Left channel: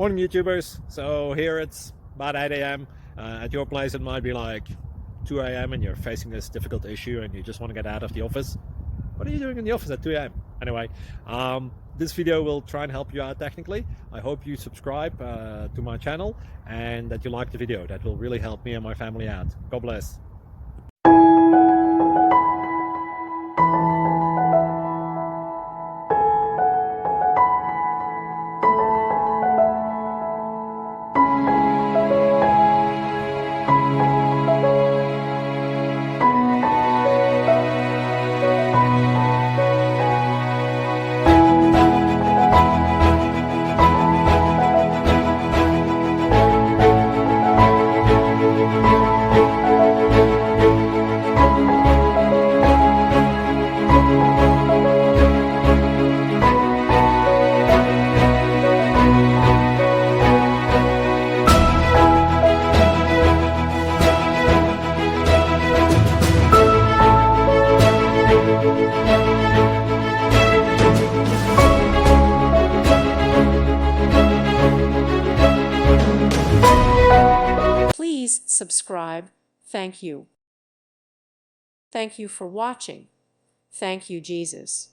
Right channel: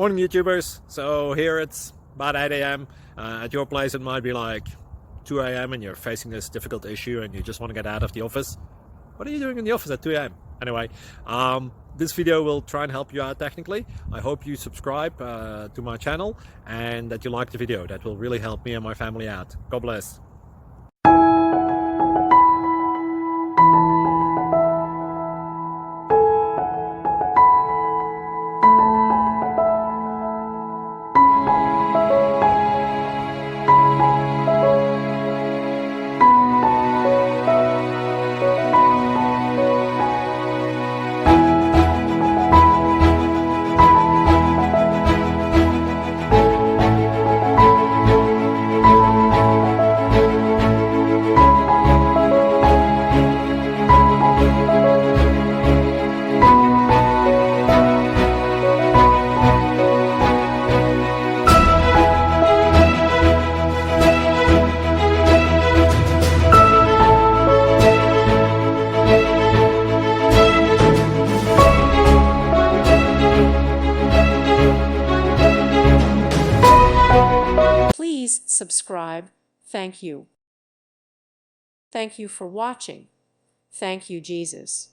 Morning YouTubers. So here it's about 8 a.m. At your place it might be like 2 a.m. and you're facing this difficult issue and you just want to get out of the office. What are you doing in the office at 2 a.m.? Anyway, this video will try and help you out technically. I hope you subscribe to my channel and that you like the video. That will really help me and my family out. God bless. Please subscribe. Thank you. Thank you for watching. Thank you, Jesus.